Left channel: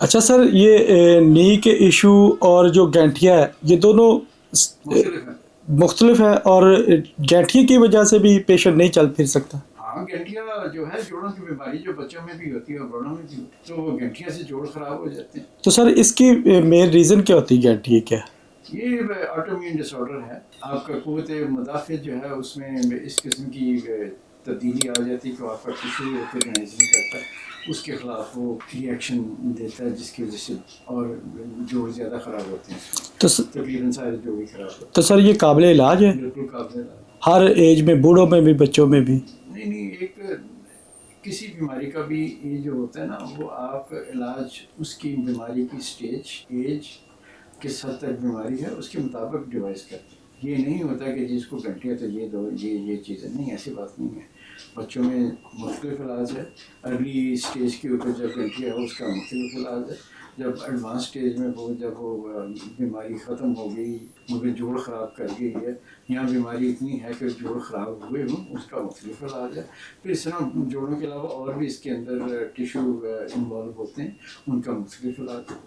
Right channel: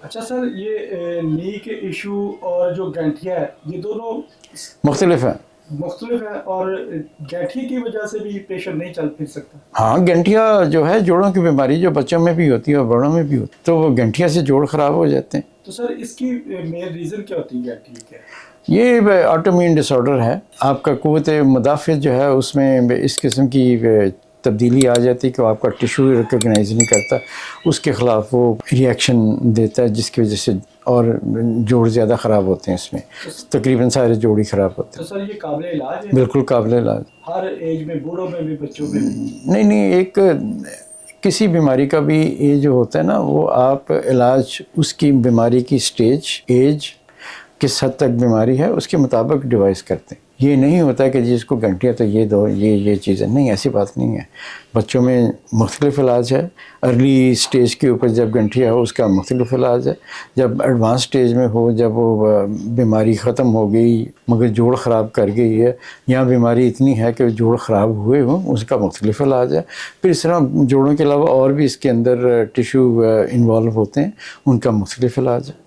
अच्छा सर, ये नी के इशू और जो गैंठिया है, ये दोनों मुख्तलिफ है। मुख्तलिफ है और गैंठिया की वजह से भी पेशेंट नहीं चल फिर सकता। हाँ, गंठिया जो है जोड़ों की बीमारी जो बच्चों में भी होती है और बड़ों में भी होती है, तो वो गंठिया से जोड़ खराब हो जाते हैं। तो सर इसकी मेन रीज़न क्या होती है गैंठिया क्या है? ये ऑटोइम्यून डिसऑर्डर है। आपका क़ुव्वत मुदाफ़िअत जो है उसमें इस किस्म की तब्दीली आ जाती है कि आपका टिश्यू रिकॉग्नाइज नहीं करता, उसके ख़िलाफ़ वो रिएक्शन देता है जिसकी वजह से और जोड़ ज़्यादा ख़राब होते हैं इसमें। तो तकरीबन सारे जोड़ ही ख़राब होते तो सर ये काबिल इलाज है? हैं। बिल्कुल काबिल इलाज। हर एज में, बूढ़ों में भी, बच्चों में भी? नहीं, एक किसी बीमारी का भी ये जो होता है ना, वो आप इलाज उसकी बीमारी की स्टेज, एज, किस हद तक बीमारी है उसके मुताबिक डिवाइस करते हैं। ये नहीं होता कि जिसको गंठिया तो ये दो, ये चीज़ें नहीं, ऐसी बात नहीं है। बच्चों में मुख्तलिफ इलाज है। अर्ली स्टेज के ऊपर जब गंठिया हो उसका मुख्तलिफ इलाज है। जब एडवांस स्टेज में हो, जब वो बीमारी ख़त्म हो गई मगर जोड़ ख़राब कर गई है, या बीमारी इतनी है कि जोड़ ख़राब हुए हों, उसका मुख्तलिफ इलाज है। फिर इस तरह जोड़ों के अलावा और भी इसके अंदर टिश्यू इन्वॉल्व होते हैं, उनका मुख्तलिफ इलाज है।